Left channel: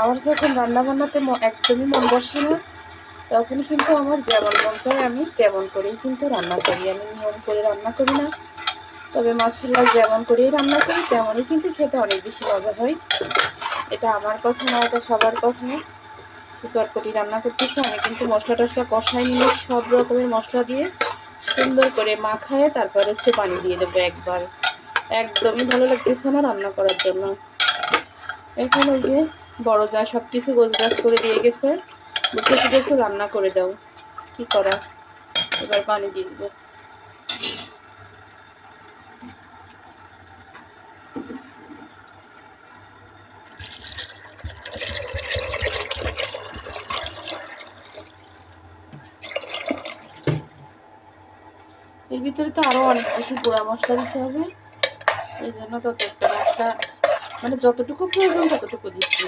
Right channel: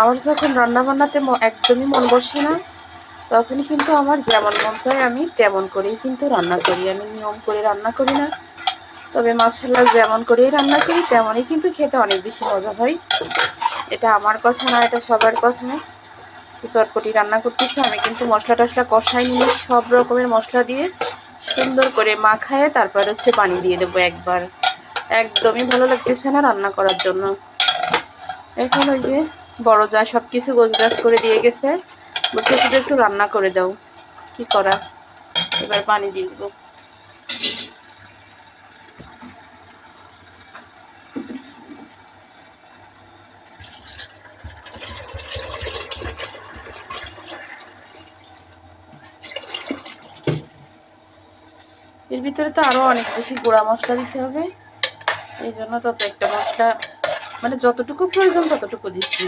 আমার যখন রান্না বান্নাতে একদমই মন বসে না, তখন কিন্তু আমার যেমন মন চায় আমি তেমন করেই কিন্তু রান্না করি। আমি নিয়ম করে রান্না করি না, তবে মাশাআল্লাহ যেমন করেই রান্না করি তেমনই কিন্তু খেতে অনেক বেশি মজা হয়। এটা আমার কথা না, এটা সবার কথা। তো চটপটি রান্না করতেছি, আমি কিন্তু মশলা টশলা কষাই নিয়ে সব রকমের মশলা দিয়ে সুন্দর করে মাখায়ে তারপর হচ্ছে পানি দিয়ে দেবো একবার। একদমই ভালো লাগতেছে না রান্না করার জন্য। এখন ওই যে বড় যা সব কিছু গোছগাছ করে দিয়ে গেছে, বলছে শুধু একটু রান্না করে দাও। কি করা, এবার পানি দিয়ে দেবো। এর ভিতরে তো আরো অনেক বেশি গুঁড়া মশলা দিতে হবে, এই জন্য তত একটা মশলা মানে যতটুকু প্রয়োজন ততটুকু দিচ্ছি।